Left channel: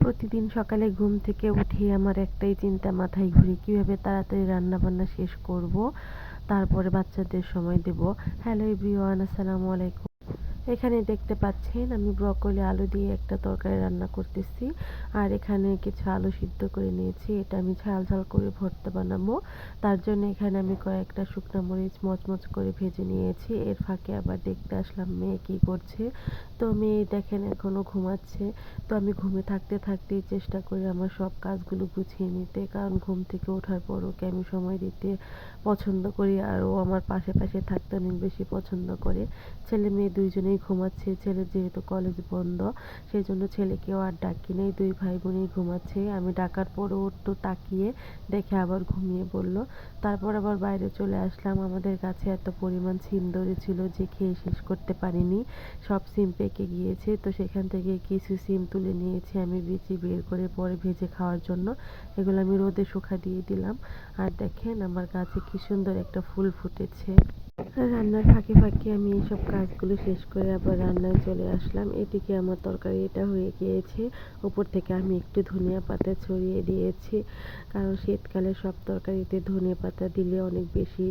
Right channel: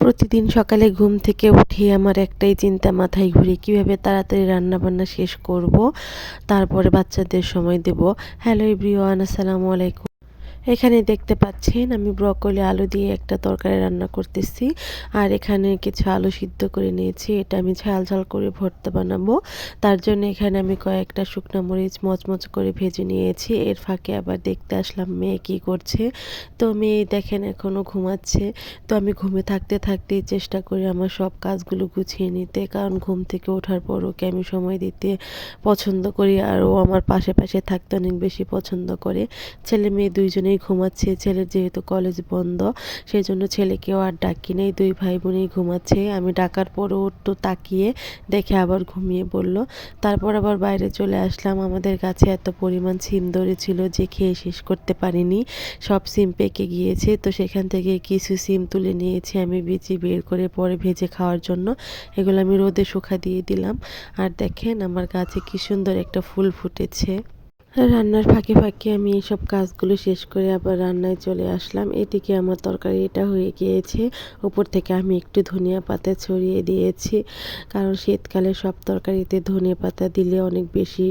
প্রতিদিন সকালে ঘুম থেকে উঠে আমার একটাই চিন্তা মাথায় ঘুরে কিভাবে তাড়াতাড়ি রান্নাবান্না শেষ করব, তারপরে বাচ্চাদের সময় দেব। হ্যালো এভরিওয়ান, আসসালামু আলাইকুম। এখানে দেখতে পাচ্ছেন আমি ব্রকলি আলু দিয়ে একটা তরকারি রান্না করতেছি। আর এখানে কিছু আলু সিদ্ধ করে নিয়েছি, এটা আমি ঝাল ঝাল করে ভর্তা বানাবো। তার জন্য এখানে আমি কয়েকটা শুকনো মরিচ মচমচ করে ভেজে নিয়েছি। এর ফাঁকে আবার দেখতে আসলাম মেয়ে কি করছে। তো মেয়ে দেখেন এখনও ঘুমাচ্ছে। তো আমি ঘুমে থাকতে থাকতেই চেষ্টা করি আমার সব কাজগুলো গুছিয়ে নিতে, কারণ ঘুম থেকে ওঠার পর ওকে আমি সময় দিতে পছন্দ করি, আর ও আমার পাশে পাশে থাকতে অনেক বেশি পছন্দ করে। ছেলে মেয়ে দুইজনেই ঘুমাচ্ছে। ছেলের যেহেতু কলেজ বন্ধ, সেই জন্য ছেলেকেও আর ডাকি নেই, দুই ভাই বোনই ঘুমাচ্ছে। আমি ডাকার পরও একটু তাকিয়ে দেখে আবার ঘুমিয়ে পড়ল। তারপর আবার বাইরে চলে আসলাম। আমাদের গাছে এত পরিমাণ সিম ধরেছিল যে খেয়ে শেষ করতে পারিনি, সব সিম পেকে গিয়েছে। তো সেখান থেকে কিছু সিম তুলে নিয়েছি আমি বিচি বের করে পরে ভেজে খাওয়ার জন্য। এগুলো আমি রোদে শুকা দিয়ে দিলাম। আর দেখেন আমার গাছে কি সুন্দর একটা ফুল ফুটেছে। রান্নার ফাঁকে ফাঁকে আমি এইসব কাজগুলো শেষ করে আবার রান্নায় চলে আসলাম। এদিকে আমার তরকারিটা হয়ে গিয়েছে। উপর থেকে আমি একটু ধনিয়া পাতা ছড়িয়ে দিয়েছি, কারণ শীতকালে সব তরকারিতে ধনিয়া পাতা দিলে অনেক বেশি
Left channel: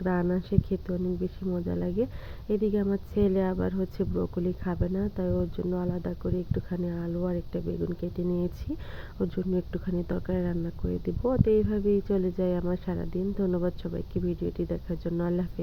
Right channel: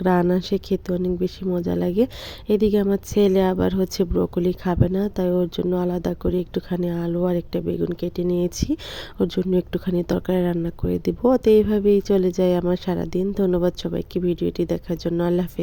ঘ্রাণ আসে, খেতে অনেক বেশি মজা লাগে। এদিকে আমার ছেলে আবার হচ্ছে ব্রকলি খাবে না, তাই ওর জন্য আলাদা করে একটুখানি আলু আর একটা বেগুন কেটে নিয়েছি। ওর জন্য একটুখানি তরকারি রান্না করে দিব। তো এইভাবেই চলে যায় আমার সারাদিন। ধন্যবাদ সবাইকে ভিডিওটি দেখার জন্য। আল্লাহ হাফেজ।